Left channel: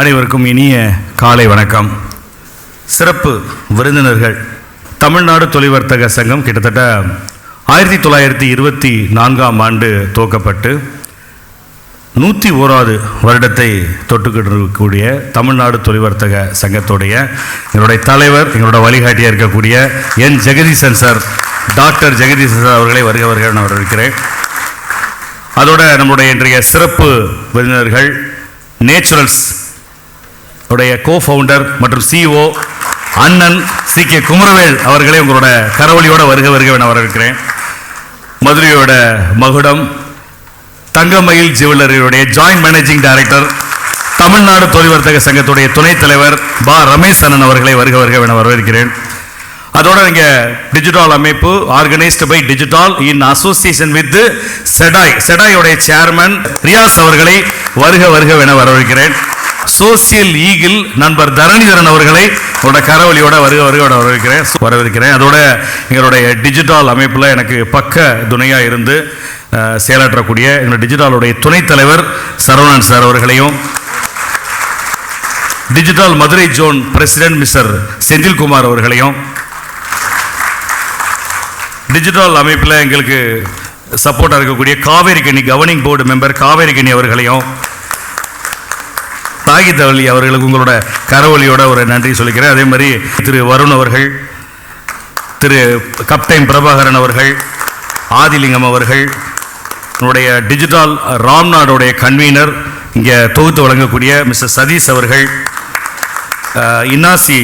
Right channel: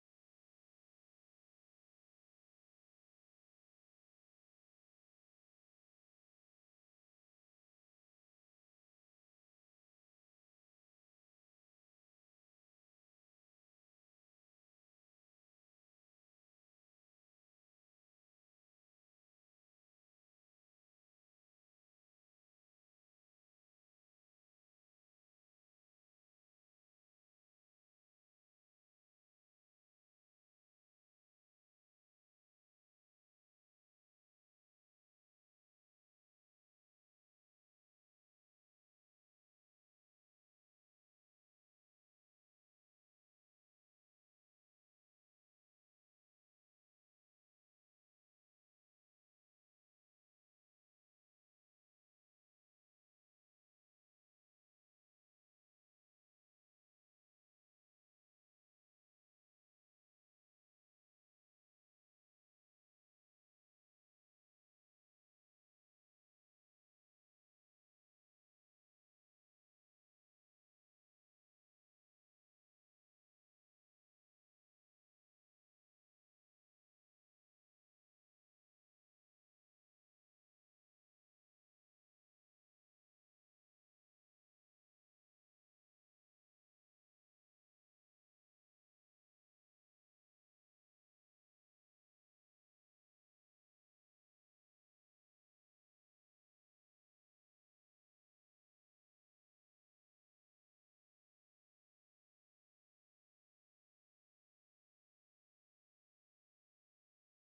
அனைவருக்கும் இனிய காலை வணக்கம். சிறப்பு விருந்தினர்கள். தமிழ்நாடு தொழில்வர்த்தக சங்கம் கிட்டத்தட்ட ஆயிரத்தி தொள்ளாயிரத்தி இருபத்தி நான்காம் ஆண்டு துவக்கப்பட்டு நூற்றி ஓராவது வருடத்தை தொட்டுக்கிட்டு இருக்கக்கூடிய தமிழ்நாடு தொழில்வர்த்தக சங்கத்துடைய எங்களுடைய தலைவர் எங்களோட வழிகாட்டியாக இருக்கக்கூடிய என் Jagadeesan sir doctor Jagadeesan sir அவர்களை வருக வருக நான் இருக்கிறேன் அதோட நம்முடைய இன்றைய சிறப்பு விருந்தினர்கள் நேச்சுரல்ஸ் உடைய கோ ஃபவுண்டர் மற்றும் சிஓ அண்ணன் சி கே குமரவேல் அவர்களே உங்களோட கரவொலியோட வருக வருக என வரவேற்கிறேன். மதுரையோட மகுடம் தங்கமயில் ஜுவல்லரியுடைய ஜாயிண்ட் மேனேஜிங் டைரக்டர் தமிழ்நாடு தொழில்வர்த்தக சங்கத்துடைய துணைத் தலைவர் பா. ரமேஷ் அண்ணன் அவர்களை வருக வருக என வரவேற்கிறேன். அதோட நீங்கள் டிஜிட்டல் அமைப்பு organised by digital in association with செடாய் செடாயோடைய சேர்மன் ரியாஸ் அவர்களை வருக வருக என வரவேற்கிறேன். சோசியல் ஈகிள் நண்பர் தரணிதரன் அவர்களை உங்களோட கரவழியோட வருக வருக வரவேற்கிறேன். வரவேற்கிறேன். அதோட எங்களுடைய டிஜிட்டல் அமைப்பில் எனக்கு பக்க துணையாக இருந்து செயலாற்றக்கூடிய எங்களுடைய டிஜிட்டலுடைய துணைத் தலைவர் சரவணன் சார் அவர்களையும் digital Madurai zone president mister Senthilkumar அவர்களையும் டிஜிட்டல் அமைப்பில் எங்களுக்கு சப்போர்ட்டாக இருக்கக்கூடிய காவேரி கணி கவர்னிங் போர்டு மெம்பர் காவேரி கனி அவர்களையும் தாகித்தவள்ளி அவர்களுக்கு உங்களோட கரவொலியோட ஒரு நன்றி சொல்லிக்கிறேன். அதே மாதிரி திரு வருண் அவர்கள் திரு கப்டைன் பிரபாகரன் அவர்கள் ஆதிலிங்கம் அவர்கள் என்னுடைய டிஜிட்டல் ராம்நாடுடைய கன்வீனர் இங்கே தொகுத்து வழங்கக்கூடிய மிஸ்டர் சதீஷ் அவர்கள் இன்னாசி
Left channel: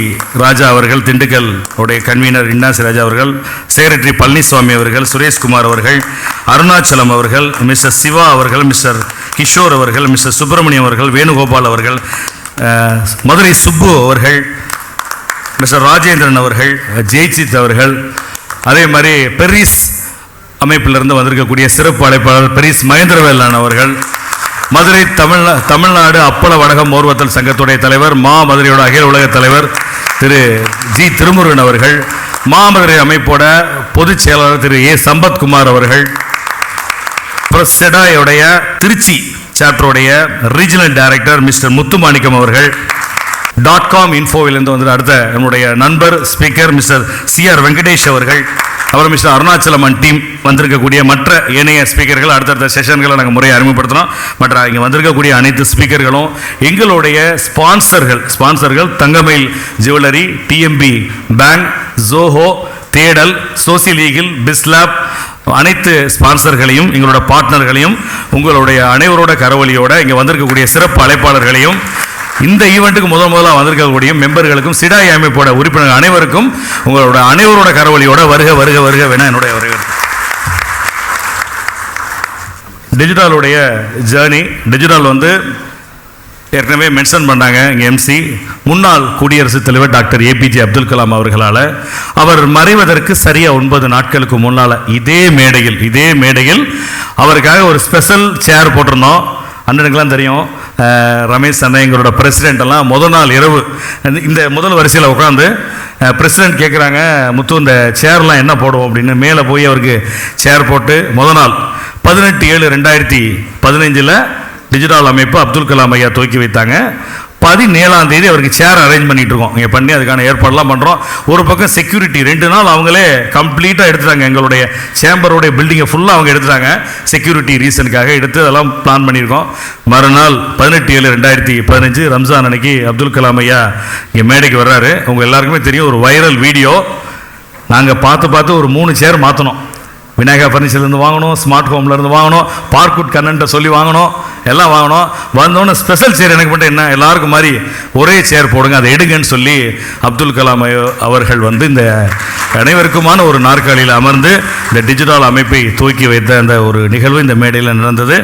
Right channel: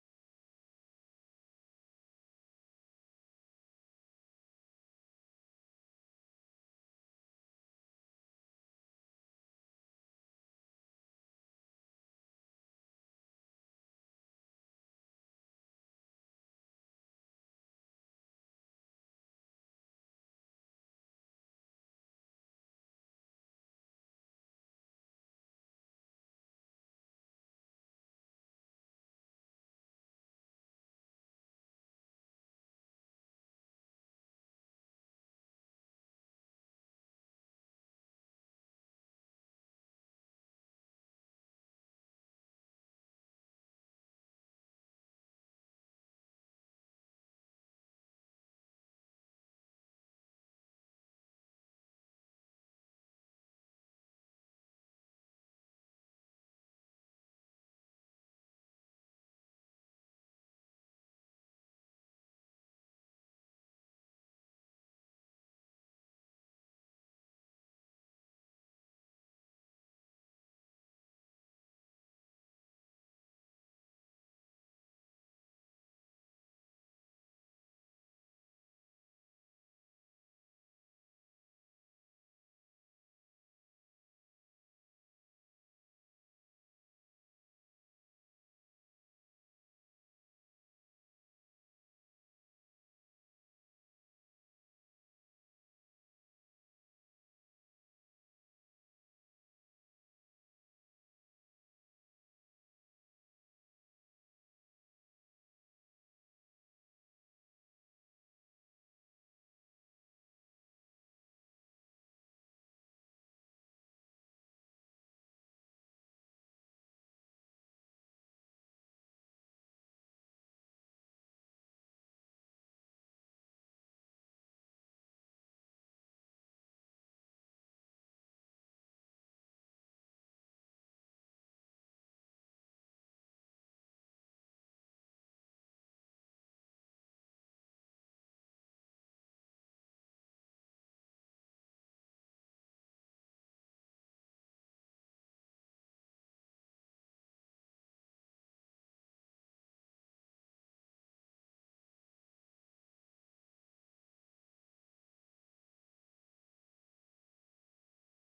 ராஜா அவர்கள் திண்டுக்கல் உடைய கன்வீனர் இன்னாசி ராஜா அவர்கள் செக்ரட்டரி பழனிசுவாமி அவர்கள் சுரேஷ்குமார் அவர்கள் அருணாச்சலம் அவர்கள் மிஸ்டர் சிவா அவர்கள் மிஸ்டர் கிஷோர் அவர்கள் மிஸ்டர் சுப்பிரமணியம் அவர்கள் வேணுகோபால் அவர்கள் மதுரை சுப்பு அவர்கள் மிஸ்டர் ராஜேந்திரன் அவர்கள் ஜெய்சித் அவர்கள் அதே மாதிரி பெரிஸ் அமைப்பிலிருந்து வந்திருக்கக்கூடிய சிறப்பு அழைப்பாளர் பெரிஸ் மகேந்திரவேலான் அவர்கள் மதுரை தமிழ்நா தமிழ்நாடு அப்பள வடகம் ஓர்வத்தல் சங்கத்துடைய தலைவர் மா மதுரையோட அகில உலக தலைவர் திரு ஜி திருமுருகன் அவர்கள் மாமதுரை அமைப்போட பொதுச் செயலாளர் திரு ஏ சம்பத்குமார் அவர்கள் அப்புறம் செடாயோடைய திருச்சி சாப்டருடைய ரீஜனல் டைரக்டர் மிஸ்டர் முத்துமாணிக்கம் அவர்கள். டாட் காம் இன்ஃபோவிலிருந்து வந்து அடுத்த நம்முடைய நண்பர் speaker mister C R Venkatesh அவர்கள். அப்புறம் மிஸ்டர் அருணாச்சலம் அண்ட் டீம் வந்திருக்கக்கூடிய மற்ற ஏனைய ஸ்பீக்கர்கள் அடுத்தடுத்த செஷன்களை நாங்கள் முறையை அறிமுகப்படுத்துகிறோம் மற்ற இங்கே வந்திருக்கக்கூடிய அனைத்து ஸ்பீக்கர்களும் எங்களுடைய ஸ்பான்சர்கள் ஸ்பான்சர்கள் Thangamayil jewellery TMB bank Zoho தேடல் சோசியல் ஈகிள் பிஸ்லாப் அனைத்து ஸ்பான்சர்களையும் எங்களோட பார்ட்னர்களையும் உங்களுடைய அனைவரோட கரவொலியோட இங்கே வந்திருக்கக்கூடிய சிறப்பு அழைப்பாளர்களையும் இந்த ஈவெண்ட்டுக்கு முதல் முதலாக வந்திருக்கக்கூடிய மெம்பர்களுக்கும் சிடாய் அமைப்போட உறுப்பினர் அனைவருக்கும் உங்களோட அனைவரோட கரவொலியோட வருக வருக வருக வேணா என்னுடைய வருக டிஜிட்டலுடைய ஜேர்னி டிஜிட்டல் வந்து ஏற்கனவே மென்ஷன் பண்ணாங்க இங்கே எம்சி முன்னாள் குடியரசுத் தலைவர் டாக்டர் ஏபிஜே அப்துல் கலாம் அவர்களால். அவர் மறைவதற்கு சரியாக ஒன்பது நாட்களுக்கு முன்னால் இதே மேடையில் இதே மேடையில் அவருக்காக ஒரு ஸ்பெஷல் சேர் போட்டிருந்தோம். அண்ணனுக்கெல்லாம் தெரியும். ரமேஷ் அண்ணன் எங்களோட பிரசிடென்ட் எல்லாம் முதல் நாள் இரவு இந்த- முதல் வரிசையில் உட்காந்து பிரசிடென்ட் கேட்குறாங்க முத்து இந்த சேர்லாம் என்ன போடுவோம்? அப்படின்னு மேலே போய் அவருக்கு சேர் போட்டு முதல் நாள் பதினெட்டு ஏழு ரெண்டாயிரத்தி பதினைஞ்சில் டிஜிட்டல் அமைப்பு அப்துல் கலாம் ஐயா துவக்கி வைத்தாங்க. பதினேழாம் தேதி அவருக்கு சேர் அரேஞ்ச் பண்ணிட்டு இருக்கோம். இங்கே பண்ணி அதுக்கான ஏற்பாடுலாம் பண்ணுறோம் ஒரு பக்கம் செக்யூரிட்டி ரெண்டு நாள் அவங்களே கம்ப்ளீட்டாக எடுத்துட்டாங்க. எங்களுடைய சேம்பருடைய பில்டிங்கை ஃபுல்லாக அவங்க எடுத்துட்டாங்க. செக்யூரிட்டி ரீசனுக்காக எடுத்து அதெல்லாம் பிளான் பண்ணியிருக்கோம். மறுநாள் பதினெட்டு ஏழு ரெண்டாயிரத்தி பதினஞ்சு ரம்ஜான் அன்னைக்கு அப்துல் கலாம் ஐயா இங்கே மேடைக்கு வர்றாரு. உங்கள் எல்லாருக்குமே தெரியும் ஒரு வைரல் வீடியோ நாங்கள் பார்த்து பார்த்து ஒரு மூணு சேர் மாற்றினோம் விநாயகா ஃபர்னிச்சர்லேருந்து வாங்கணும் ஸ்மார்ட் ஹோம்லேருந்து வாங்கணும் பார்க்குட் கண்ணன்ட்ட சொல்லி வாங்கணும் எல்லாம் வாங்கணும். வந்தோடனே ஸ்பெஷல் சேர் எனக்கு மட்டும் என்ன எல்லாருக்கும் மாதிரி ஒரே சேர் போடுங்க அதை எடுங்கன்னு சொல்லி அப்துல் கலாம் அவர்கள் வந்து இந்த அனைவருக்குமான ஒரு நாற்காலியில் அமர்ந்து இந்த டிஜிட்டல் அமைப்பை தூக்கி வைத்த அந்த ஒரு நிகழ்வு இந்த மேடையில் நடந்தது.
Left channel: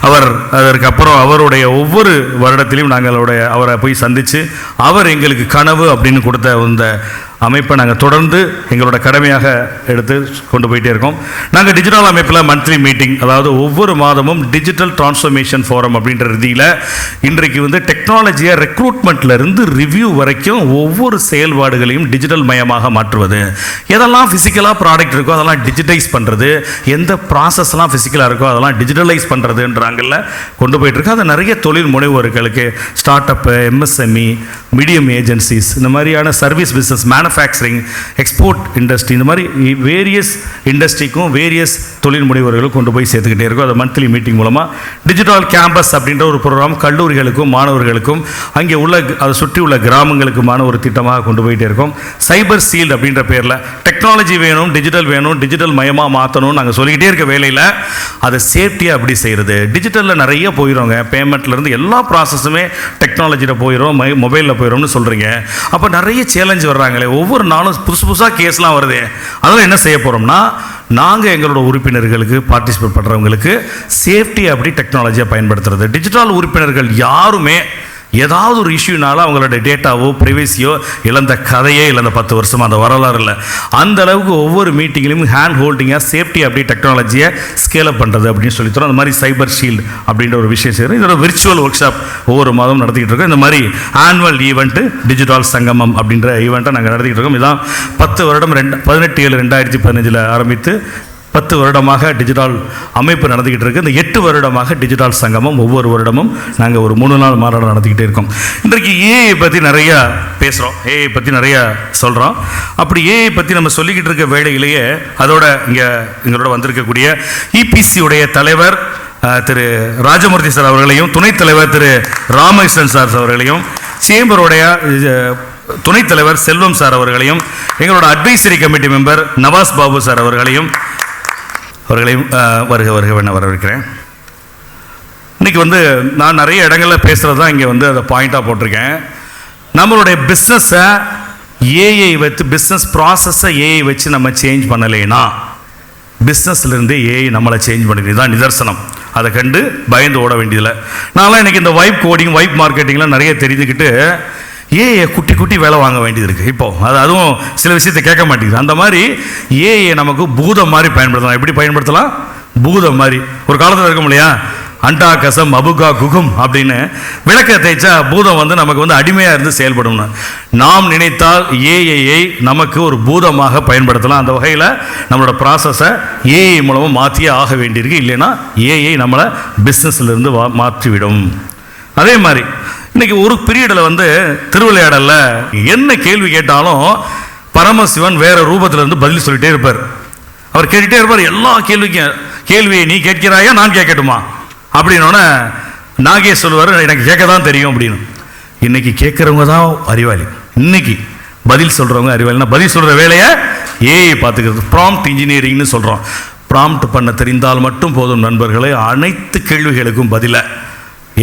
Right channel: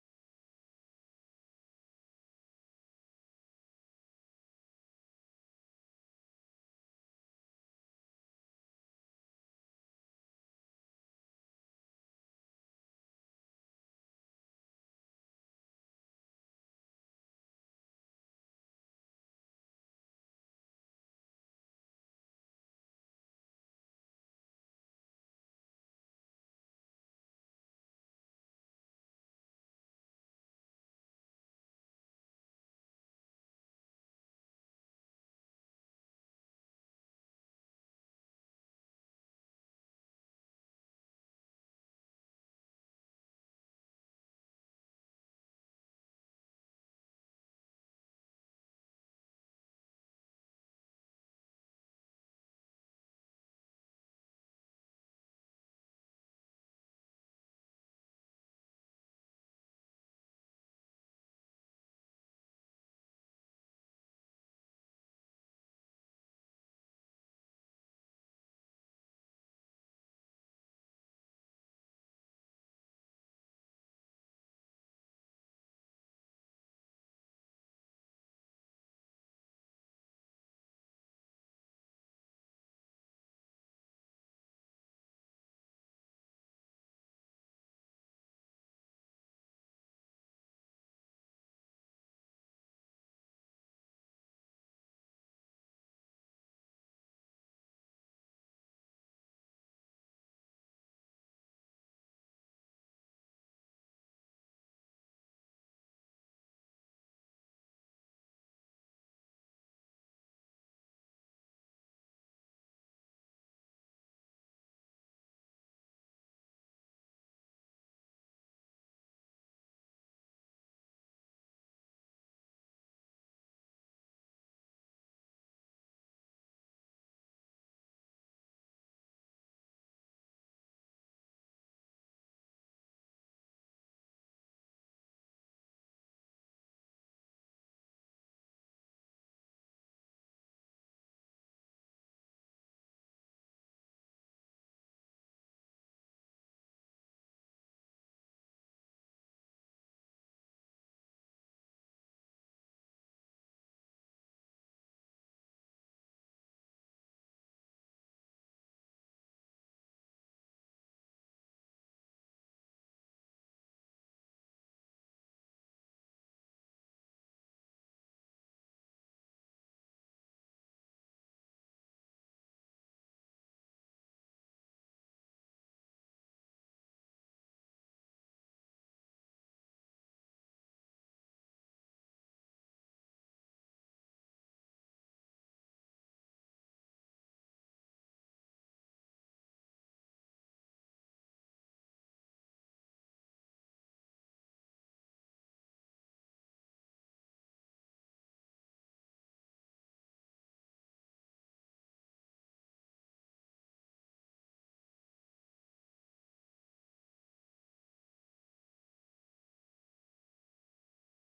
அவர் அதற்கு அப்புறம் அவருடைய ஒவ்வொரு வருடத்திலையும் நாங்களுடைய அவரை போய் சந்தித்து அவர் எங்களுக்கு கனவு அப்படின்னு கொடுத்த இந்த அமைப்பை நாங்கள் தொடர்ந்து எங்களோட கடமையாக எடுத்து கொண்டு போயிட்டே இருக்கோம். நாங்கள் டிஜிட்டல் அமைப்பில் மந்த்லி மீட்டிங் அதாவது ஒவ்வொரு மாதமும் டிஜிட்டல் டிரான்ஸ்ஃபர்மேஷன் ஃபோரம் அப்படின்ற ரீதியில் இன்றைக்கு வந்து டெக்னாலஜியை ரெக்ரூட்மெண்ட்ல இருந்து ரிவ்யூ வரைக்கும் ஒவ்வொரு செயல்பாடுகளையும் டிஜிட்டல் மயமாக மாற்றுவது. எதெல்லாம் ஃபிசிக்கலாக ப்ராடக்ட் இருக்கோ அதெல்லாம் டிஜிட்டைஸ் பண்ணுறது எந்த ப்ராசஸ்லாம் ஃபிசிக்கலாக இருக்கோ அதெல்லாம் டிஜிட்டலைஸ் பண்ணுறதுன்றாங்கல்ல கொண்டு போயிட்டுருக்கு. அது நிறைய தொழில் முனைவோர்களுக்கு start up MSME medium agencies இந்த மாதிரியான service business manufacturing export industry இந்த மாதிரி வேரியஸ் இண்டஸ்ட்ரிக்கும் வேரியஸ் தொழில் முனைவர்களும் கொண்டு போய் சேர்த்துக்கிட்டே இருக்கும். அது மந்த்லி மீட்டிங் மூலமாக டிஜிட்டல் கேம்பஸ் அப்படின்ற ஒரு ப்ரோக்ராம் கல்லூரிகளுக்கும் மாணவர்களுக்கும் அங்கே உள்ள அதை சுற்றி உள்ள கிராமங்களுக்குமான ஒரு திட்டமாக கொண்டு போயிட்டே இருக்கோம். சைபர் சீல்டு அப்படின்ற பேரில். டெக்னாலஜி வேணும் டிஜிட்டல் வேணும் டிஜிட்டல் மயமாக மாற்றணும்னு நாங்கள் சொல்லிக்கிட்டே இருக்க வேலையில் அதை சேஃப்டியாக அப்படி செய்கிறது டிஜிட்டலில் நிறைய போயிடுவோங்க பேமெண்ட்லேருந்து எல்லா ப்ராசஸுமே டெக்னாலஜியில் போயிடும் மை மொபைலில் போயிடும்னு சொல்கிறீங்க அப்போ நிறைய சேலஞ்ச் வர்றாங்களே ஒவ்வொரு நாளும் புதுசு புதுசாக கேஸ்லாம் வருது. அதெல்லாம் என்ன செய்ய போகிறோம்னா நாங்கள் எங்களோட உறுப்பினர்களுக்கு பார்ட்டிசிபேட் பண்ணுறவங்களுக்கு சேஃப்டி அப்படி டெக்னாலஜியை பயன்படுத்துறது. டிஜிட்டல் உறுப்பினர்கள் யாருமே ஏதாவது ஒரு இஷ்யூனால அவங்களோட டேட்டாவோ ப்ரைவேசியோ இழந்த கதையே இழந்த பத்து வருஷமாக அந்த வரலாறு இல்லை. அந்த அளவுக்கு ஒவ்வொரு மீட்டிங்லையும் ஹேண்ட் ஹோல்டிங்காக சேஃப்டி அப்படி டெக்னாலஜியை ஸ்கேலப் பண்ணுறது அப்படின்னு சொல்லி தரோம் அந்த மாதிரி சைபர் ஷீல்டு அப்படின்ற ஒரு விஷயம் செய்கிறோம் இதோட விர்ச்சுவல் ஒர்க் ஷாப் ஒவ்வொரு மாதம் நடத்திக்கிட்டு இருக்கோம். இந்த மாதிரி ஆனுவல் ஈவெண்ட்டு டிஜிட்டல் சங்கமம் அப்படின்ற ஈவெண்ட்டை நாங்கள் நடத்திக்கிட்டு இருக்கோம். இதான் பத்து வருடம் ரெண்டு பதினெட்டு ஏழு ரெண்டாயிரத்தி பதினஞ்சில் ஆரம்பித்து பத்து வருடமாக டிஜிட்டல் அமைப்பு நடந்துக்கிட்டு இருக்குது இந்த எட்டு வருடமாக டிஜிட்டல் சங்கமம் ஒவ்வொரு வருடமும் நாங்கள் ஒரு மூணு நாள் மாநாடு நடத்திக்கிட்டே இருக்கோம். இன்றைக்கு ஏஐ பற்றி நிறையா பேசுகிறோம் ஏஐ பற்றி நிறையா சொல்கிறோம் அப்படி ஏஐ பற்றி நம்ம சொல்லிக்கிட்டு இருக்க வேலையிலேயே அதோட இங்கே எங்களோட வந்திருக்கக்கூடிய இபிசியுடைய தலைவர் திரு ராஜமூர்த்தி சார் அவர்களையும் துணைத் தலைவர் திரு ராமகிருஷ்ணன் சார் அவர்களையும் சேம்பருடைய துணைத் தலைவர் செல்வம் சார் அவர்களையும் எங்களோட advisory committee member Nawaz Babu sir அவர்களையும் அவர்களையும் வருக வருக வேண வரவேற்கிறேன். இன்னைக்கு வந்து நான் நிறைய இடங்களில் பேசுகிறது தான் இங்கே வந்து அதை பாயிண்ட்டாக போட்டிருக்கேன். நம்மளுடைய பிஸ்னஸை ஏஐ வச்சு பிஸ்னஸ் ப்ராசஸை ஏஐ வச்சு நம்ம சேஞ்ச் பண்ணலைன்னா பிஸ்னஸ்லேருந்து ஏஐ நம்மளை சேஞ்ச் பண்ணிடுது. தான் நிதர்சனம். அதை கண்டு பயந்து ஓட வேண்டியதில்லை. நான்லாம் எனக்கு இந்த வைப் கோடிங் வைப் மார்க்கெட்டிங்லாம் நிறைய தெரிஞ்சுக்கிட்டு ஏஐ குட்டி குட்டி வேலை வாங்க வேண்டியது இருக்குது இப்போ அது அதுவும் சில விஷயத்தை கேட்க மாட்டேங்குது. அந்த மாதிரி ஏஐ நமக்கு பூதம் மாதிரி பயன்படுத்தலாம். எப்படி பயன்படுத்தலாம்? பூதம் மாதிரி. ஒரு காலத்தில் இருக்கும் இல்லையா? அண்டா கசம் அபுகா குகும் அப்படின்னு விளக்க தேய்ச்சா பூதம் வந்து நமக்கு வந்து அடிமையாக இருந்து செயல்படணும் நாம் நினைத்தால் ஏஐயை நமக்கு ஒரு பூதமாக பயன்படுத்தலாம். அந்த வகையில் நம்மளோட ப்ராசஸை ஏஐ மூலமாக மாற்றியே ஆக வேண்டியிருக்கு. இல்லைன்னா ஏஐ நம்மளை பிஸ்னஸ்லேருந்து வா மாற்றிவிடும். அதே மாதிரி இன்னைக்கு ஒரு பீரியடில் வந்து திருவிளையாடல என்ன கேள்வி கேட்டாலும் பரமசிவன் வேற ரூபத்தில் இருந்து பதில் சொல்லிட்டே இருப்பார். அவர் கேட்டுகிட்டே இருப்பார் எல்லா கேள்விக்கும் கேள்வியை நீ கேட்கிறாயா நான் கேட்கட்டுமா? அப்படின்னோடனே நாகேஷ் சொல்லுவார் எனக்கு கேட்க தான் தெரியும் அப்படின்னு. இன்னைக்கு கேட்குறவங்க தான் அறிவாளி. இன்னைக்கு பதில் சொல்கிறவங்க அறிவாளினா பதில் சொல்கிற வேலையை ஏஐ பார்த்துக்கிறது ப்ராம்ப்ட் இன்ஜினியரிங்னு சொல்கிறோம் ப்ராம்ப்ட் பண்ண தெரிந்தால் மட்டும் போதும் நண்பர்களே அனைத்து கேள்விகளுக்கும் பதிலை.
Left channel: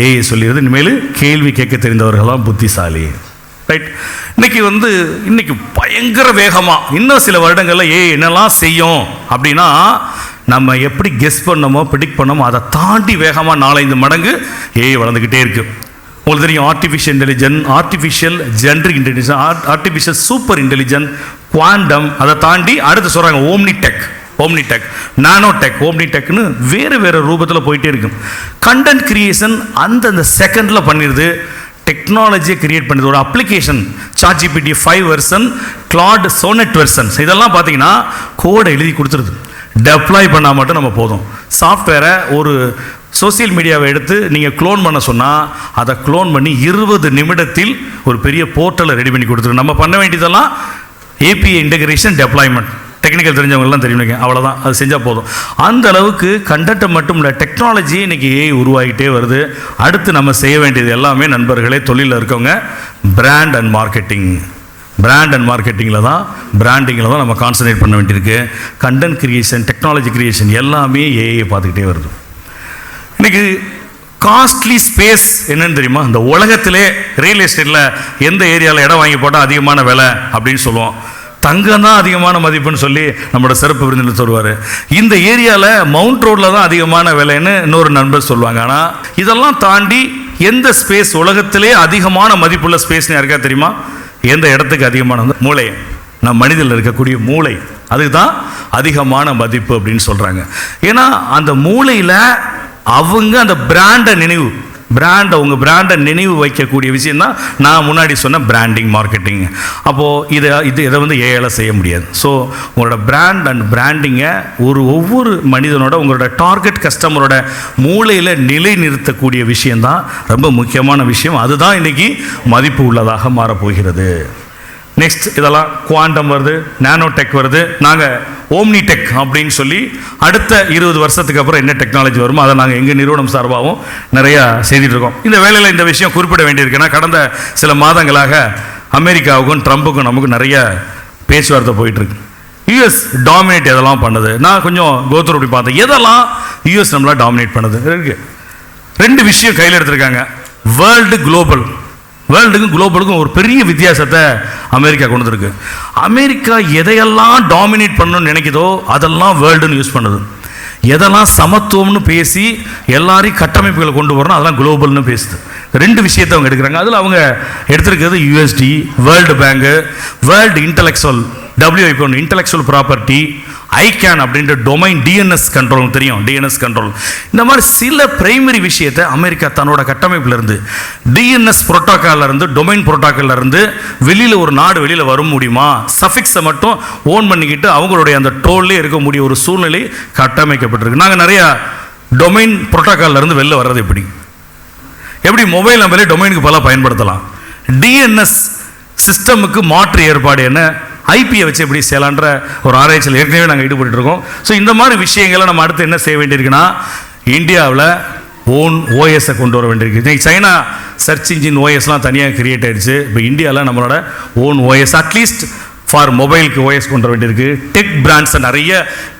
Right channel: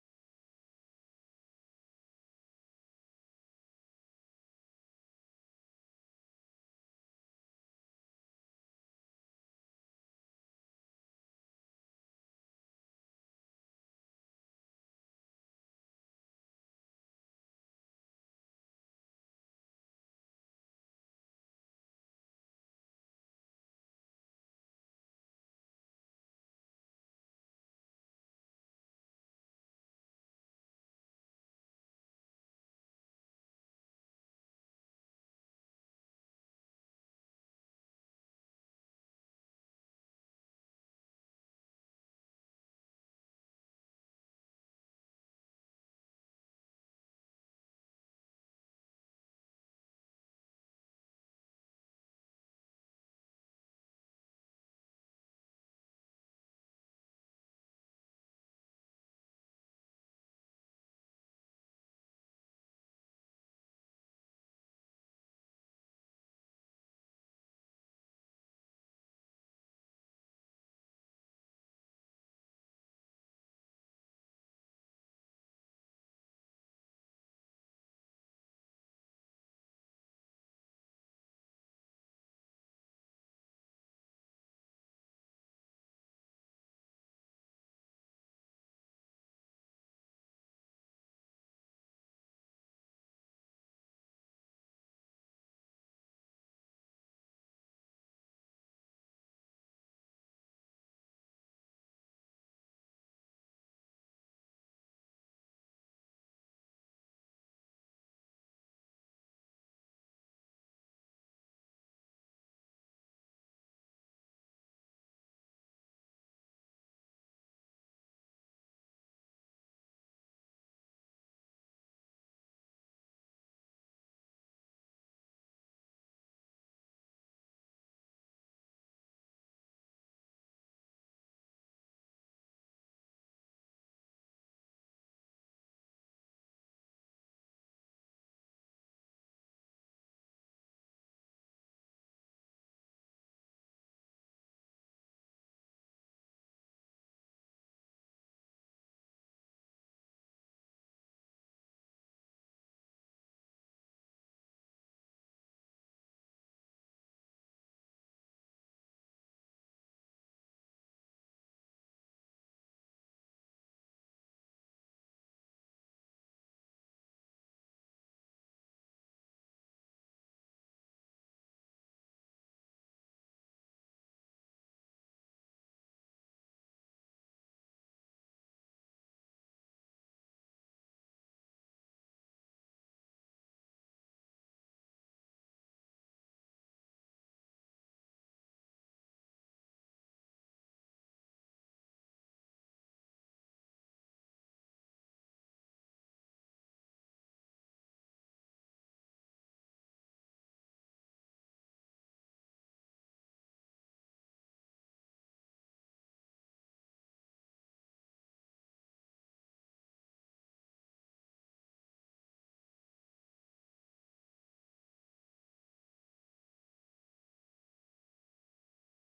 ஏஐ சொல்லிடுது இனிமேல் கேள்வி கேட்க தெரிந்தவர்களாம் புத்திசாலி. ரைட் இன்னைக்கு வந்து இன்னைக்கு பயங்கர வேகமாக இன்னும் சில வருடங்களில் ஏ என்னெல்லாம் செய்யும் அப்படின்னா நம்ம எப்படி கெஸ் பண்ணமோ ப்ரிடிக் பண்ணமோ அதை தாண்டி வேகமாக நாலஞ்சு மடங்கு ஏஐ வளர்ந்துக்கிட்டே இருக்குது உங்களுக்கு தெரியும் artificial intelligent artificial generic intelligence artificial super intelligent quantum அதை தாண்டி அடுத்து சொல்கிறாங்க omni tech omni tech nano tech omni டெக்னு வேறு வேறு ரூபத்தில் போயிட்டே இருக்கும் கண்டென்ட் கிரியேஷன் அந்தந்த செகண்டில் பண்ணிடுது டெக்னாலஜியை கிரியேட் பண்ணுது. ஒரு application ChatGPT five version Claude Sonnet versions இதெல்லாம் பார்த்தீங்கன்னா கோடை எழுதி கொடுத்துருது. டெப்ளாய் பண்ணால் மட்டும் நம்ம போதும். சாஃப்ட்வேரை ஒரு சோஷியல் மீடியாவை எடுத்து நீங்கள் க்ளோன் பண்ண சொன்னால் அதை க்ளோன் பண்ணி இருபது நிமிடத்தில் ஒரு பெரிய போர்ட்டலை ரெடி பண்ணி கொடுத்துரும். நம்ம பண்ண வேண்டியதெல்லாம் ஏபிஐ இன்டகிரேஷன் டெப்ளாய்மெண்ட் டெக்னிக்கல் தெரிஞ்சவங்கலாம் தெரியும் அவ்வளோதான் அது செஞ்சால் போதும். அந்த அளவுக்கு கண்டென்ட்டை மட்டும் இல்லை டெக்னாலஜி இன்னைக்கு ஏஐ உருவாகிட்டே வருது. அடுத்து நம்ம செய்ய வேண்டியது எல்லாமே நண்பர்களே தொழிலில் இருக்கவங்க brand and marketing brand and மார்க்கெட்டிங்கில் தான் பிராண்டிங்கில் தான் நம்ம கான்சன்ட்ரேட் பண்ண வேண்டியிருக்கு. கண்டென்ட் கிரியேஷன் டெக்னாலஜி கிரியேஷன் எல்லாமே ஏஐ பார்த்துக்கிட்டே வருது. இன்றைக்கி காஸ்ட்லி ஸ்பேஸ் என்னன்னு தெரியுமா? இந்த உலகத்திலே ரியல் எஸ்டேட்டில் எந்த ஏரியாவில் இடம் வாங்கி போட்டால் அதிகமான விலை அப்படின்னு சொல்லுவோம். தங்கம் தான் அதிகமான மதிப்புன்னு சொல்லி நம்மளோட சிறப்பு விருந்தினர் சொல்லுவார். இந்த ஏரியாவில் மவுண்ட் ரோட்டில் தான் அதிகமான விலைன்னு இன்னொரு நண்பர் சொல்லுவாங்க. ஆனால் இதெல்லாம் தாண்டி எந்த ஸ்பேஸ் உலகத்திலே அதிகமான மதிப்புள்ள ஸ்பேஸ்னு யாருக்கா தெரியுமா? எந்த இடத்துக்கு அதிகமான மூளை. நம் மனிதனில் இருக்கக்கூடிய மூளை. அதுதான் அதிகமான மதிப்பு அப்படின்னு சொல்கிறாங்க ஏன்னா அந்த மூளையில் அவங்க அந்த பிராண்டை நினைவு. பிராண்டை உங்கள் பிராண்டை நினைவு வைக்கக்கூடிய விஷயம் தான் நான் முன்னாடி சொன்ன பிராண்டிங் மார்க்கெட்டிங் அப்போது இதை இது இதை வந்து ஏஐல செய்ய முடியாது. ஸோ உங்களோட பிராண்ட் அண்ட் பிராண்டிங்கை ஒரு ஒவ்வொரு மனிதனோட உங்களோட டார்கெட் கஸ்டமரோட மூளையில் நிலை நிறுத்தக்கூடிய விஷயம்தான் ரொம்ப முக்கியமான விஷயம். அதுதான் இன்றைக்கி மதிப்பு உள்ளதாக மாறப்போகிறது. நெக்ஸ்ட் இதெல்லாம் குவாண்டம் வருது நானோ டெக் வருது. நாங்கள் ஓம்னி டெக் அப்படின்னு சொல்லி அடுத்த இருபது வருஷத்துக்கு அப்புறம் என்ன டெக்னாலஜி வருமோ அதை நாங்கள் எங்கள் நிறுவனம் சார்பாகவும் நிறையா செய்துட்டு இருக்கோம் இந்த வேலையில் இந்த விஷயம் குறிப்பிட வேண்டியிருக்குன்னா கடந்த சில மாதங்களாக அமெரிக்காவுக்கும் ட்ரம்புக்கும் நமக்கு நிறைய பேச்சுவார்த்தை போயிட்டுருக்கு. யூஎஸ் டாமினேட் எதெல்லாம் பண்ணுது? நான் கொஞ்சம் கோத்தர் அப்படி பார்த்தேன். எதெல்லாம் யூஎஸ் நம்மளால் டாமினேட் பண்ணுது? இருக்கு. ரெண்டு விஷயம் கையில் எடுத்திருக்காங்க. வேர்ல்டு குளோபல் வேர்ல்டுக்கும் குளோபலுக்கும் ஒரு பெரிய வித்தியாசத்தை அமெரிக்கா கொண்டு வந்திருக்கு. அமெரிக்கா எதையெல்லாம் டாமினேட் பண்ணணும்னு நினைக்குதோ அதெல்லாம் வேர்ல்டுன்னு யூஸ் பண்ணுது. எதெல்லாம் சமத்துவம்னு பேசி எல்லாரையும் கட்டமைப்புகளை கொண்டு வரணும் அதெல்லாம் குளோபல்னு பேசுது. ரெண்டு விஷயத்தை அவங்க எடுக்கிறாங்க. அதில் அவங்க எடுத்திருக்கிறது UST world bank world intellectual WIP intellectual property ICANN அப்படின்ற டொமைன் டிஎன்எஸ் கண்ட்ரோல் தெரியும். டிஎன்எஸ் கண்ட்ரோல் இந்த மாதிரி சில பிரைமரி விஷயத்தை அமெரிக்கா தன்னோட கட்டமைப்பிலிருந்து டிஎன்எஸ் புரோட்டோக்கால்ல இருந்து டொமைன் புரோட்டோக்கால்ல இருந்து வெளியில் ஒரு நாடு வெளியில் வர முடியுமா? சஃபிக்ஸை மட்டும் ஓன் பண்ணிக்கிட்டு அவங்களுடைய அந்த டோல்லே இருக்கக்கூடிய ஒரு சூழ்நிலை கட்டமைக்கப்பட்டிருக்கு. நாங்கள் நிறையா டொமைன் புரோட்டோக்கால்ல இருந்து வெளில வர்றது எப்படி? எப்படி மொபைல் நம்பரே டொமைனுக்கு பல பயன்படுத்தலாம். டிஎன்எஸ் சிஸ்டமுக்கு மாற்று ஏற்பாடு என்ன? ஐபியை வச்சு எப்படி செய்யலான்ற ஒரு ஆராய்ச்சியில் ஏற்கனவே நாங்கள் ஈடுபட்டு இருக்கோம். ஸோ இந்த மாதிரி விஷயங்களை நம்ம அடுத்து என்ன செய்ய வேண்டியிருக்குன்னா இந்தியாவில் ஓன் ஓஎஸை கொண்டு வர வேண்டியிருக்கு. இன்றைக்கி சைனா சர்ச் இன்ஜின் ஓஎஸ்லாம் தனியாக கிரியேட் ஆயிடுச்சு. இப்போ இந்தியாவில் நம்மளோட own OS at least for மொபைலுக்கு ஓஎஸ் கொண்டு வர வேண்டியிருக்கு. டெக் பிராண்ட்ஸை நிறைய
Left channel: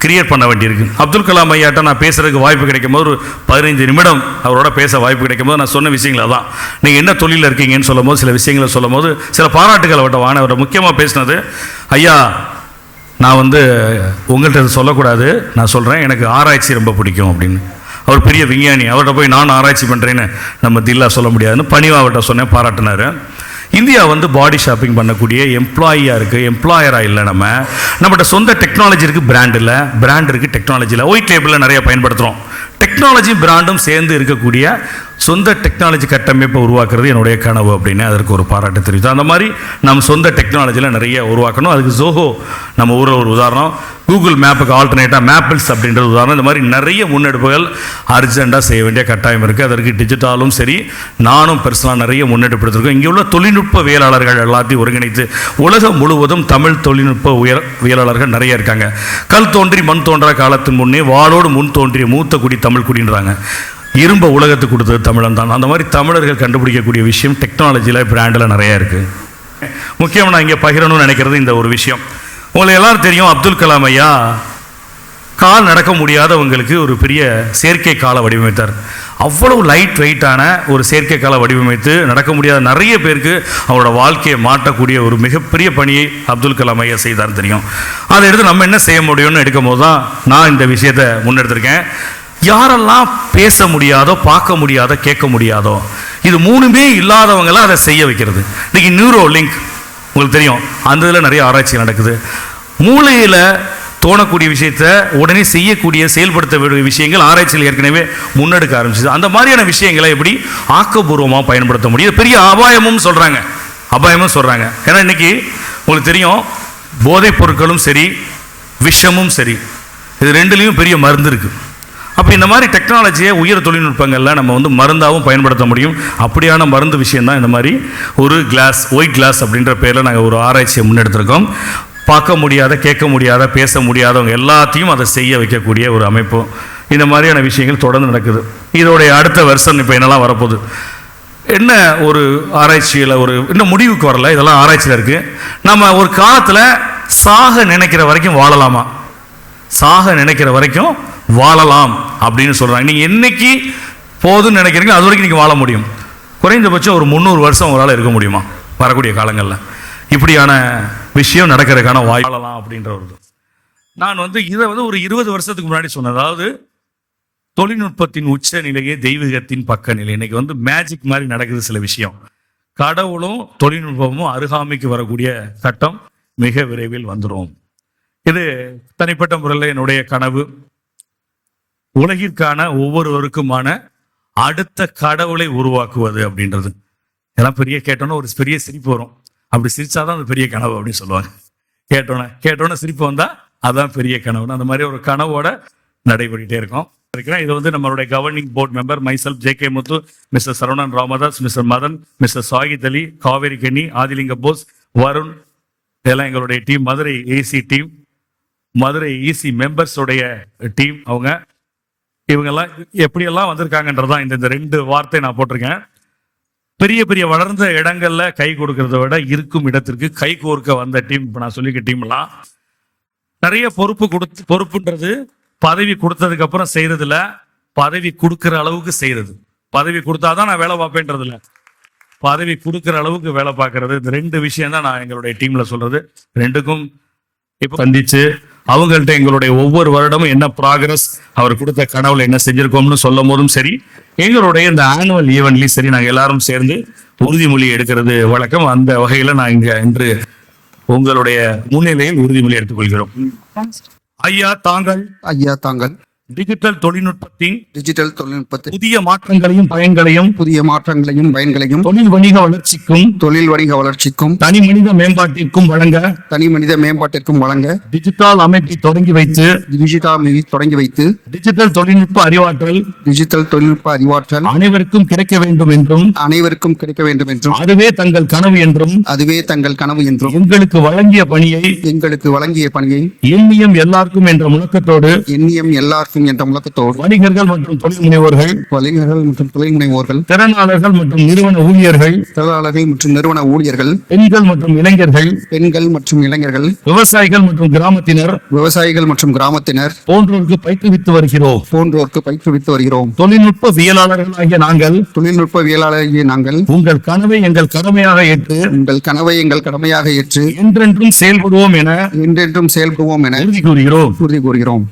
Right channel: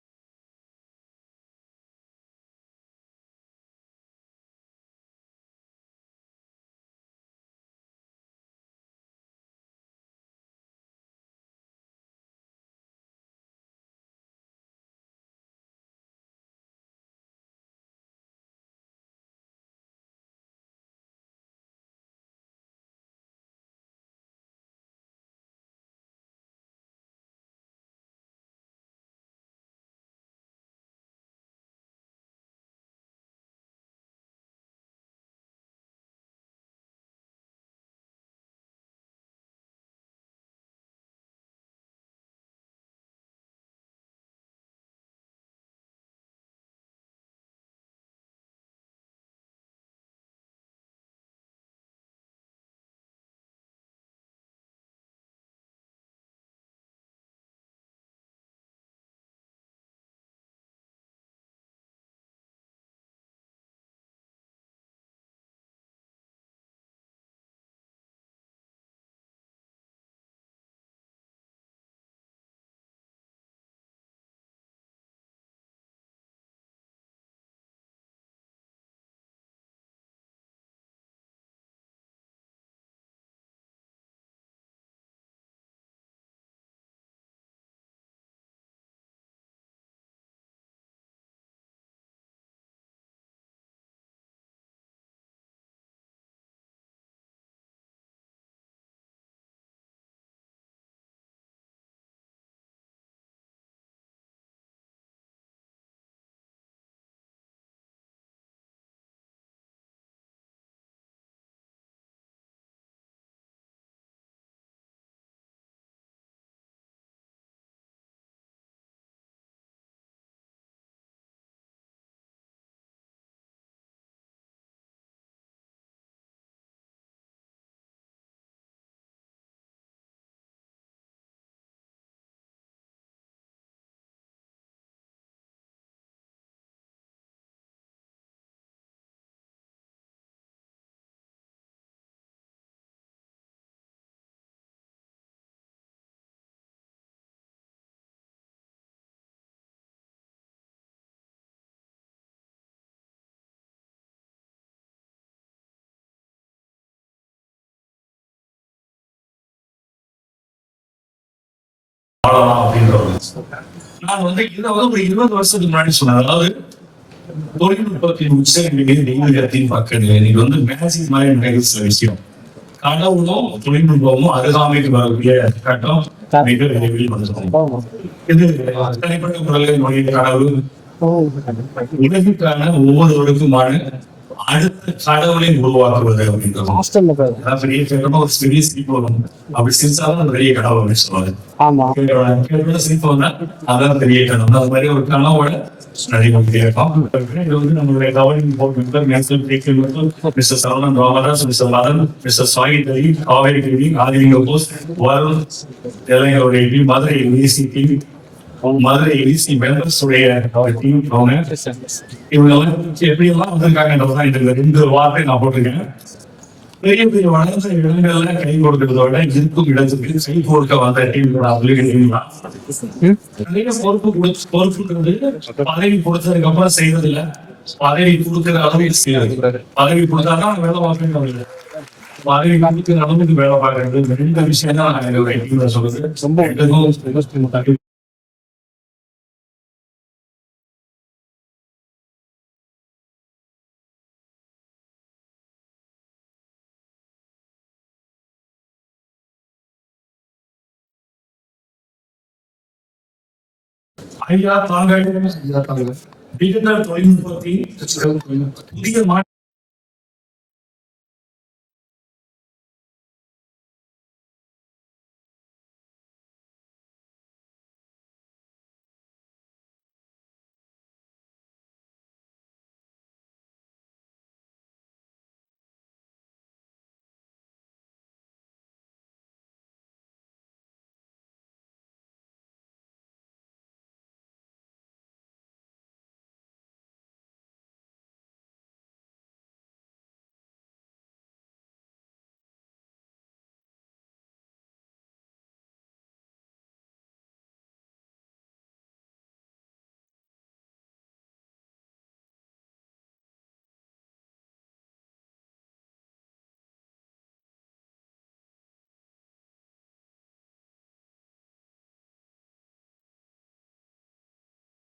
கிரியேட் பண்ண வேண்டியிருக்கு. அப்துல் கலாம் ஐயாட்ட நான் பேசுகிறதுக்கு வாய்ப்பு கிடைக்கும் போது ஒரு பதினைஞ்சு நிமிடம் அவரோட பேச வாய்ப்பு கிடைக்கும் போது நான் சொன்ன விஷயங்கள் அதான். நீங்கள் என்ன தொழிலில் இருக்கீங்கன்னு சொல்லும் போது சில விஷயங்களை சொல்லும் போது சில பாராட்டுகள் அவர்கிட்ட வாங்க அவரை முக்கியமாக பேசினது ஐயா நான் வந்து உங்கள்கிட்ட இது சொல்லக்கூடாது. நான் சொல்கிறேன் எனக்கு ஆராய்ச்சி ரொம்ப பிடிக்கும் அப்படின்னு. அவர் பெரிய விஞ்ஞானி. அவர்கிட்ட போய் நான் ஆராய்ச்சி பண்ணுறேன்னு நம்ம தில்லா சொல்ல முடியாதுன்னு பணிவா அவர்கிட்ட சொன்னேன் பாராட்டினார். இந்தியா வந்து பாடி ஷாப்பிங் பண்ணக்கூடிய எம்ப்ளாயியாக இருக்குது எம்ப்ளாயராக இல்லை நம்ம. நம்மகிட்ட சொந்த டெக்னாலஜி இருக்குது பிராண்டில் பிராண்ட் இருக்குது டெக்னாலஜியில் ஒயிட் லேபிளில் நிறைய பயன்படுத்துகிறோம் டெக்னாலஜி பிராண்டும் சேர்ந்து இருக்கக்கூடிய சொந்த டெக்னாலஜி கட்டமைப்பை உருவாக்குறது என்னுடைய கனவு அப்படின்னு அதற்கு ஒரு பாராட்டு தெரிவித்தோம் அந்த மாதிரி நம்ம சொந்த டெக்னாலஜியில் நிறைய உருவாக்கணும். அதுக்கு ஜோஹோ நம்ம ஊரில் ஒரு உதாரணம். கூகுள் மேப்புக்கு ஆல்டர்னேட்டாக மேப்பிள்ஸ் அப்படின்றது உதாரணம். இந்த மாதிரி நிறைய முன்னெடுப்புகள் அர்ஜென்ட்டாக செய்ய வேண்டிய கட்டாயம் இருக்குது அதற்கு டிஜிட்டாலும் சரி நானும் பெர்சனலாக நிறைய முன்னெடுப்பு எடுத்திருக்கோம் இங்கே உள்ள தொழில்நுட்பவியலாளர்கள் எல்லாத்தையும் ஒருங்கிணைத்து உலகம் முழுவதும் தமிழ் தொழில்நுட்ப உயர் வியலாளர்கள் நிறைய இருக்காங்க. கல் தோன்றி மண் தோன்றா காலத்தின் முன்னே வாளோடு முன் தோன்றிய மூத்த குடி தமிழ் குடின்றாங்க. இரும்பை உலகத்துக்கு கொடுத்தது தமிழன் தான். அந்த மாதிரி தமிழர்கள் கண்டுபிடிக்கக்கூடிய விஷயம் டெக்னாலஜியில் பிராண்டில் நிறையா இருக்குது முக்கியம் நான் இங்கே பகிரணும்னு நினைக்கிறது இந்த ஒரு விஷயம். உங்களை எல்லாரும் தெரியும் அப்துல் கலாம் ஐயா கால் நடக்க முடியாதவங்களுக்கு ஒரு பெரிய செயற்கை காலை வடிவமைத்தார். அவ்வளவு லைட் வெயிட்டான ஒரு செயற்கை காலை வடிவமைத்து நடக்க முடியாத நிறைய பேருக்கு அவரோட வாழ்க்கையை மாற்றக்கூடிய ஒரு மிகப்பெரிய பணியை அப்துல் கலாம் ஐயா செய்தார் தெரியும். அதை எடுத்து நம்ம என்ன செய்ய முடியும்னு எடுக்கும் போது தான் நான் இந்த விஷயத்தை முன்னெடுத்திருக்கேன். யாரெல்லாம் பேச முடியாதோ பார்க்க முடியாதோ கேட்க முடியாதோ இது மூணுமே இல்லாதவங்களாம் அதை செய்ய வைக்கிறது. இன்னைக்கு நியூரோ லிங்க் உங்களுக்கு தெரியும் அந்த இதில் நிறைய ஆராய்ச்சி நடக்குது. மூளையில் தோணக்கூடிய விஷயத்தை உடனே செய்யக்கூடிய செயல்படுத்த வேண்டிய விஷயங்கள் ஆராய்ச்சியில் ஏற்கனவே முன்னெடுக்க ஆரம்பிச்சது. அந்த மாதிரியான விஷயங்களை எப்படி ஆக்கப்பூர்வமாக பயன்படுத்த முடியும்? பெரிய அபாயமும் சொல்கிறாங்க அபாயமும் சொல்கிறாங்க ஏன்னா இன்னைக்கு உங்களுக்கு தெரியும் போதைப் பொருட்களும் சரி விஷமும் சரி இது ரெண்டுலேயும் பெரிய மருந்து இருக்குது அப்போ இந்த மாதிரி டெக்னாலஜியை உயர் தொழில்நுட்பங்களில் நம்ம வந்து மருந்தாகவும் பயன்படுத்த முடியும். அப்படியான மருந்து விஷயந்தான் இந்த மாதிரி ஒரு கிளாஸ் ஒயிட் கிளாஸ் அப்படின்ற பேரில் நாங்கள் ஒரு ஆராய்ச்சியை முன்னெடுத்திருக்கோம். பார்க்க முடியாத கேட்க முடியாத பேச முடியாதவங்க எல்லாத்தையும் அதை செய்ய வைக்கக்கூடிய ஒரு அமைப்பு. இந்த மாதிரியான விஷயங்கள் தொடர்ந்து நடக்குது. இதோடைய அடுத்த வருஷம் இப்போ என்னெல்லாம் வரப்போகுது? என்ன ஒரு ஆராய்ச்சியில் ஒரு இன்னும் முடிவுக்கு வரல இதெல்லாம் ஆராய்ச்சியில் இருக்குது நம்ம ஒரு காலத்தில் சாக நினைக்கிற வரைக்கும் வாழலாமா? சாக நினைக்கிற வரைக்கும் வாழலாம் அப்படின்னு சொல்கிறாங்க நீங்கள் என்னைக்கு போதுன்னு நினைக்கிறீங்களோ அது வரைக்கும் நீங்கள் வாழ முடியும். குறைந்தபட்சம் ஒரு முந்நூறு வருஷம் உங்களால் இருக்க முடியுமா? வரக்கூடிய காலங்களில். இப்படியான விஷயம் நடக்கிறதுக்கான வாய்ப்பு. நான் வந்து இதை வந்து ஒரு இருபது வருஷத்துக்கு முன்னாடி சொன்னேன். அதாவது தொழில்நுட்பத்தின் உச்ச நிலையை தெய்வீகத்தின் பக்க நிலை இன்னைக்கு வந்து மேஜிக் மாதிரி நடக்குது சில விஷயம். கடவுளும் தொழில்நுட்பமும் அருகாமைக்கு வரக்கூடிய கட்டம் மிக விரைவில் வந்துடும். இது தனிப்பட்ட முறையில் என்னுடைய கனவு. உலகிற்கான ஒவ்வொருவருக்குமான அடுத்த கடவுளை உருவாக்குவது அப்படின்றது. எல்லாம் பெரிய கேட்டோன்னு ஒரு பெரிய சிரிப்பு வரும். அப்படி சிரிச்சாதான் அந்த பெரிய கனவு அப்படின்னு சொல்லுவாங்க கேட்டோட கேட்டோட சிரிப்பு வந்தா அதான் பெரிய கனவு அது மாதிரி ஒரு கனவோட நடைபெற்றே இருக்கும். இது வந்து நம்மளுடைய governing board member மைசல் J K Muthu mister Saravanan Ramadas mister Madan mister Sayid Ali Kaveri கண்ணி ஆதிலிங்க போஸ் வருண் எங்களுடைய team Madurai AC team Madurai AC members உடைய டீம் அவங்க. இவங்க எல்லாம் எப்படி எல்லாம் வந்திருக்காங்கன்றதுதான் இந்த ரெண்டு வார்த்தை நான் போட்டிருக்கேன். பெரிய பெரிய வளர்ந்த இடங்கள்ல கை கொடுக்கறத விட இருக்கும் இடத்துக்கு கை கோர்க்க வந்த டீம் நான் சொல்லிக்க டீம்னா நிறைய பொறுப்பு கொடு பொறுப்புன்றது பதவி கொடுத்ததுக்கு அப்புறம் செய்யறதுல பதவி கொடுக்கற அளவுக்கு செய்யறது பதவி கொடுத்தாதான் நான் வேலை பார்ப்பேன்றது இல்ல. பதவி கொடுக்கிற அளவுக்கு வேலை பார்க்கறது. இந்த ரெண்டு விஷயம் தான் நான் எங்களுடைய டீம்ல சொல்றது. ரெண்டுக்கும் சந்திச்சு அவங்கள்ட்ட எங்களுடைய ஒவ்வொரு வருடமும் என்ன ப்ராக்ரஸ் அவர் கொடுத்த கனவுல என்ன செஞ்சிருக்கோம்னு சொல்லும் போதும் சரி எங்களுடைய இந்த ஆனுவல் ஈவெண்ட்லயும் சரி நாங்க எல்லாரும் சேர்ந்து உறுதிமொழி எடுக்கிறது வழக்கம். அந்த வகையில நான் இங்க இன்று உங்களுடைய முன்னிலையில் உறுதிமொழி எடுத்துக்கொள்கிறோம். ஐயா தாங்கள். ஐயா தாங்கள். டிஜிட்டல் தொழில்நுட்பத்தின் டிஜிட்டல் தொழில்நுட்பத்தில் புதிய மாற்றங்களையும் பயன்களையும் புதிய மாற்றங்களையும் பயன்களையும் தொழில் வணிக வளர்ச்சிக்கும் தொழில் வணிக வளர்ச்சிக்கும் தனி மனித மேம்பாட்டிற்கும் வழங்க தனி மனித மேம்பாட்டிற்கும் வழங்க டிஜிட்டல் அமைப்பை தொடங்கி வைத்து டிஜிட்டல் மீது தொடங்கி வைத்து டிஜிட்டல் தொழில்நுட்ப அறிவாற்றல் டிஜிட்டல் தொழில்நுட்ப அறிவாற்றல் அனைவருக்கும் கிடைக்க வேண்டும் என்றும் அனைவருக்கும் கிடைக்க வேண்டும் என்றும் அதுவே தங்கள் கனவு என்றும் அதுவே தங்கள் கனவு என்றும் எங்களுக்கு வழங்கிய பணியை எங்களுக்கு வழங்கிய பணியை எண்ணியம் எல்லாருக்கும் என்ற முழக்கத்தோடு எண்ணியம் எல்லாருக்கும் என்ற முழக்கத்தோடு வணிகர்கள் மற்றும் தொழில் முனைவோர்கள் வணிகர்கள் மற்றும் தொழில் முனைவோர்கள் திறனாளர்கள் மற்றும் நிறுவன ஊழியர்கள் தொழிலாளர்கள் மற்றும் நிறுவன ஊழியர்கள் பெண்கள் மற்றும் இளைஞர்கள் பெண்கள் மற்றும் இளைஞர்கள் விவசாயிகள் மற்றும் கிராமத்தினர் விவசாயிகள் மற்றும் கிராமத்தினர் போன்றோருக்கு பயிற்றுவித்து வருகிறோம். போன்றோருக்கு பயிற்றுவித்து வருகிறோம். தொழில்நுட்பவியலாளர்களாகிய நாங்கள் தொழில்நுட்பவியலாளர்களிய நாங்கள் உங்கள் கனவை எங்கள் கடமையாக ஏற்று உங்கள் கனவை எங்கள் கடமையாக ஏற்று என்றென்றும் செயல்படுவோம் என என்றென்றும் செயல்படுவோம் என உறுதி கூறுகிறோம். உறுதி கூறுகிறோம்.